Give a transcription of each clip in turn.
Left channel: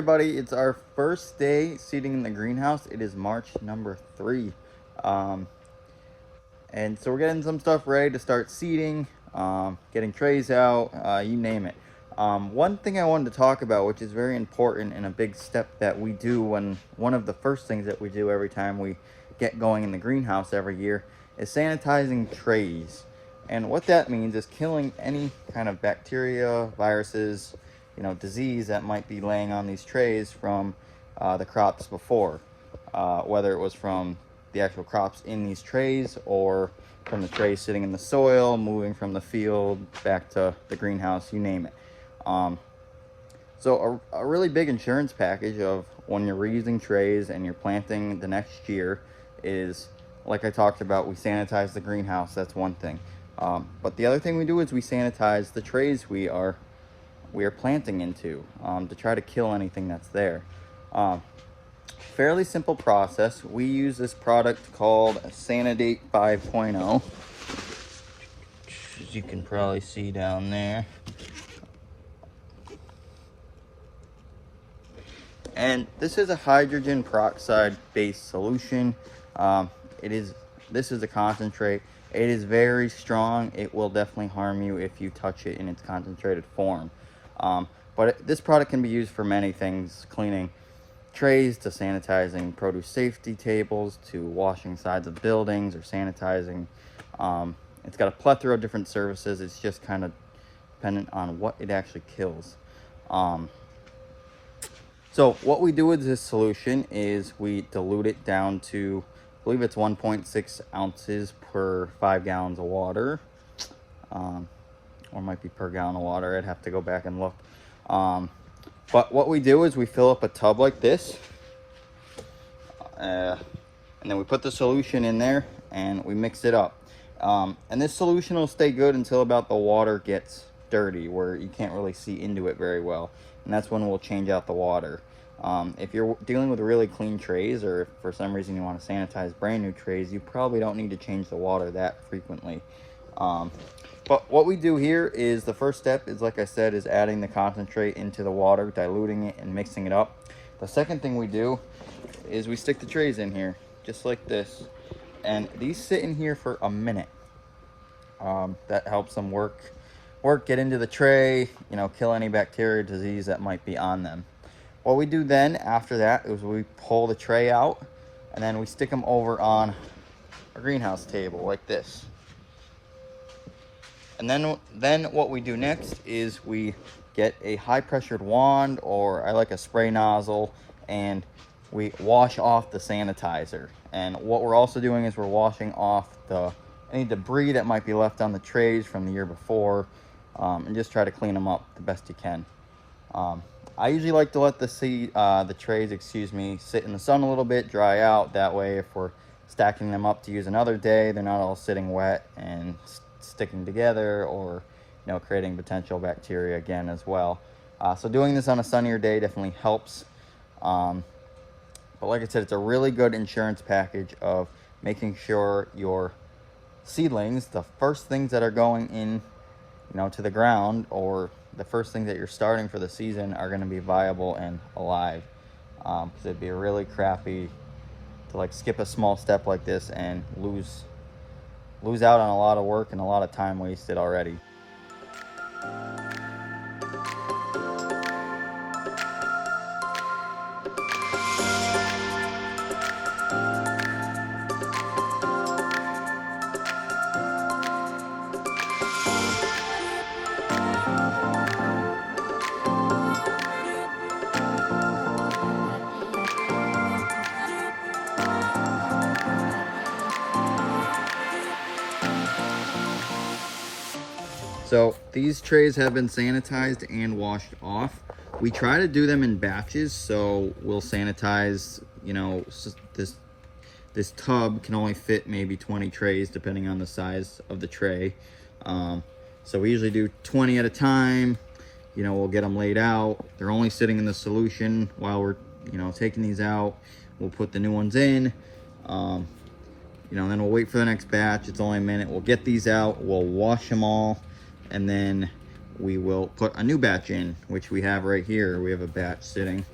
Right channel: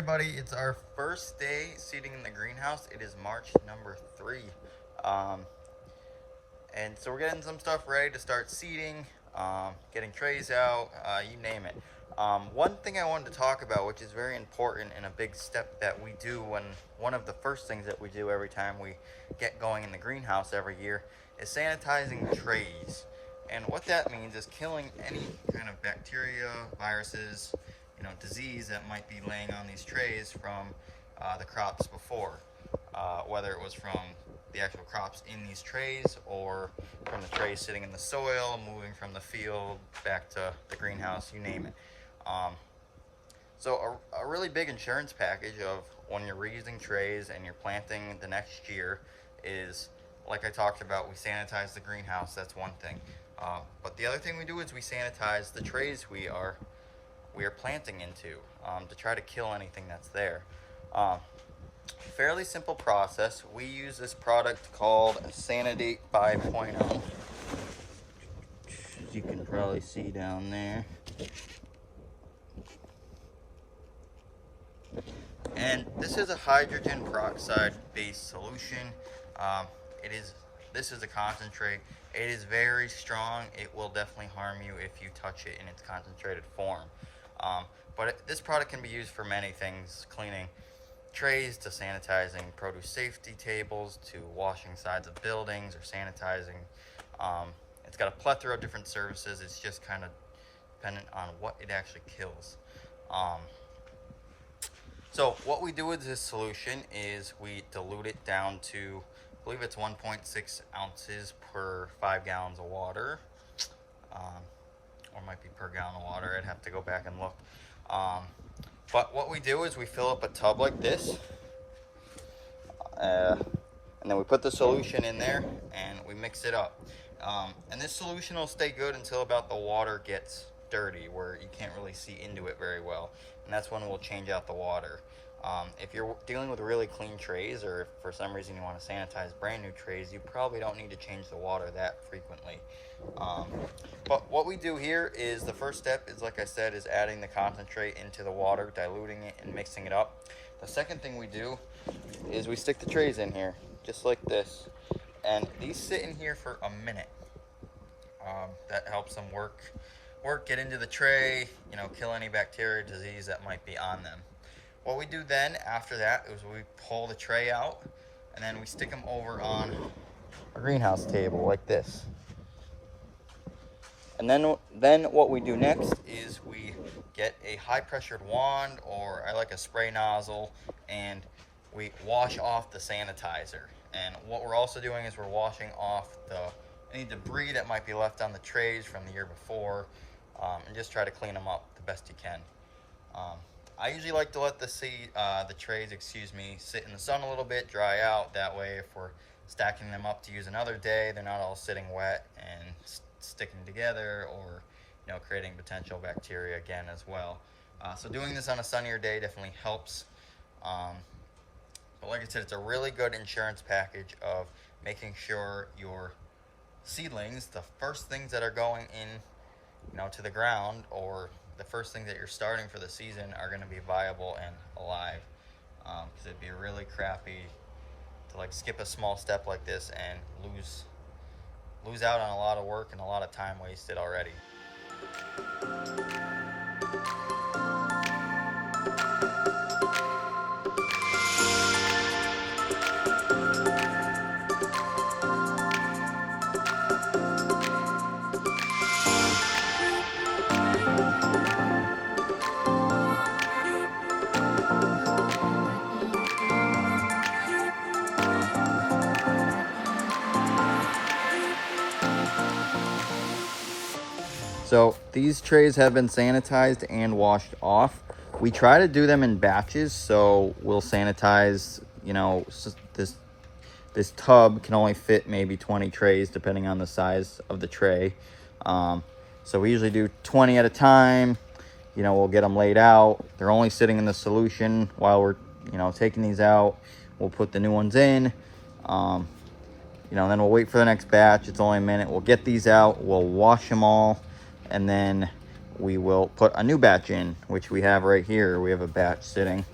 everybody, it's our first day seeding in the greenhouse. It is March number 3. And so we're getting some stuff ready to start seeding, getting trays out, you name it. One thing I wanted to talk about, which is very important and a big step that we do, when one of the first things that we do every time we get going in the greenhouse every year, is sanitizing trays. And what that means is killing any kind of bacteria, viruses, disease that might be laying on these trays from the crops before, whether it was from the actual crops in these trays or from the trays sitting in the soil, moving from the field back to the greenhouse, you name it. So a really big insurance package of when you're reusing trays and you're planting the next year is, like I talked about, we sanitize the greenhouse. That's one thing. But the other thing we do is we sanitize the trays we are planting into, to try to kill anything that's there. Fairly simple process. We use this product called Sanidate 5.0, as you can probably see down there. And this is a hydrogen peroxide based solution. This is a concentrate. It is very strong. It will definitely harm you if you touch it in its concentrated form. But this product can be used for many things: cleaning trays, to sanitizing produce safety tables, to washing sides of buildings, or sanitizing. It's got a plethora of different services. It's just kind of dependent on what it actually kills. So what we do with this solution is we dilute it down to, I believe it's 1.6 ounces per 5 gallons of water, or it might be per gallon of water. I'd have to go back and look. But what we do is we fill up a tub like this, and then we put the solution in there and we mix it up. And this solution will stay good until about the water gets dirty, where you can't really see into it very well, and that's when we'll change out the water. If you're dealing with really clean trays, or if for some reason you want to sanitize brand new trays, you probably don't need to change the water that frequently. But what we do here is, the first step is, like I said, is adding the concentrate into the water, diluting it and mixing it up. The second thing we do is we stick the trays in here just like this, and these sit in here for a minute. That helps them get into the tray, kill any bacteria, disease that might be on them. What we do then after that is we pull the tray out, and then we stick them over on a greenhouse table like this. And then what we do next is we get a high pressured wand, or I like a spray nozzle, and we wash off the sanitizer. And what we're also doing is we're washing off any debris that might be left on the trays from the year before, and just try to clean them up the best you can. I usually like to let the trays, sit in the sun a little bit, dry out. That way, if we're stacking them up to use another day, they're not all sitting wet and sticking together, or creating potential bacteria again as well. So doing this on a sunnier day definitely helps. But like I said, it's a really good insurance package of making sure your seedlings, the first things that are going in to the ground, or the first things that you're starting for the season, are going to be viable and alive. Because it'd be really crappy to skip a small step like this and lose out on a lot of work and a lot of time wasted already. So these trays have been sanitized and washed off. We try to do them in batches, so we'll sanitize, this tub can only fit maybe 20 trays depending on the size of the tray. So we usually do 20 at a time. We'll get them laid out. They're only sitting in the solution while we're, taking these out. We'll put the new ones in. Then we'll wait for the next batch. It's only a minute. We'll get these out. We'll wash them all. And then we will put a new batch in, which we have right here. We have a batch sitting.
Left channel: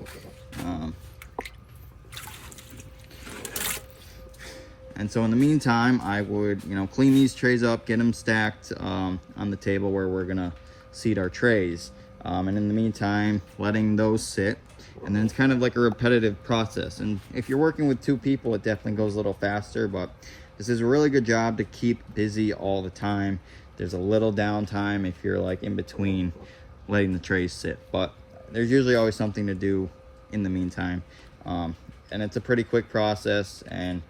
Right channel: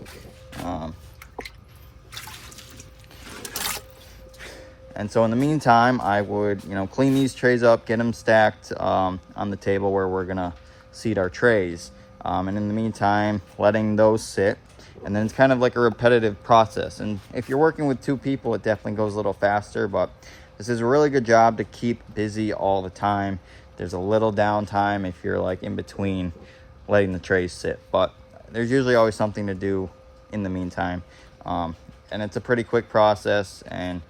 And so in the meantime, I would, clean these trays up, get them stacked on the table where we're gonna seat our trays. And in the meantime, letting those sit. And then it's kind of like a repetitive process. And if you're working with 2 people, it definitely goes a little faster, but this is a really good job to keep busy all the time. There's a little downtime if you're like in between letting the trays sit, but there's usually always something to do in the meantime. And it's a pretty quick process, and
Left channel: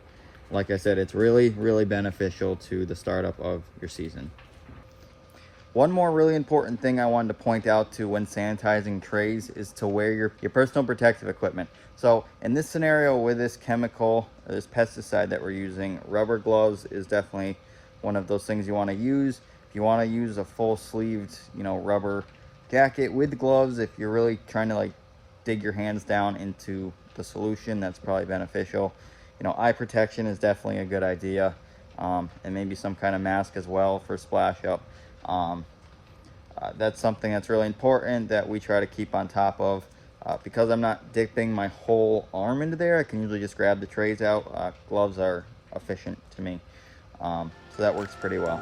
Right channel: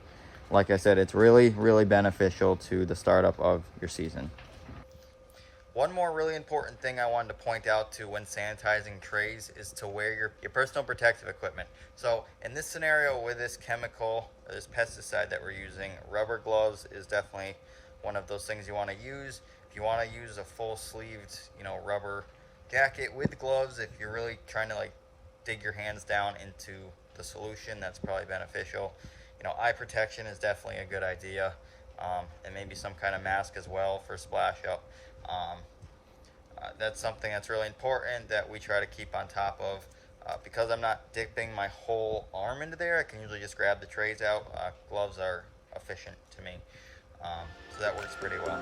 like I said, it's really, really beneficial to the startup of your season. One more really important thing I wanted to point out to when sanitizing trays is to wear your personal protective equipment. So in this scenario with this chemical, or this pesticide that we're using, rubber gloves is definitely one of those things you want to use. If you want to use a full sleeved, rubber jacket with gloves, if you're really trying to like dig your hands down into the solution, that's probably beneficial. Eye protection is definitely a good idea, and maybe some kind of mask as well for splash up. That's something that's really important that we try to keep on top of. Because I'm not dipping my whole arm into there, I can usually just grab the trays out. Gloves are efficient to me, so that works pretty well.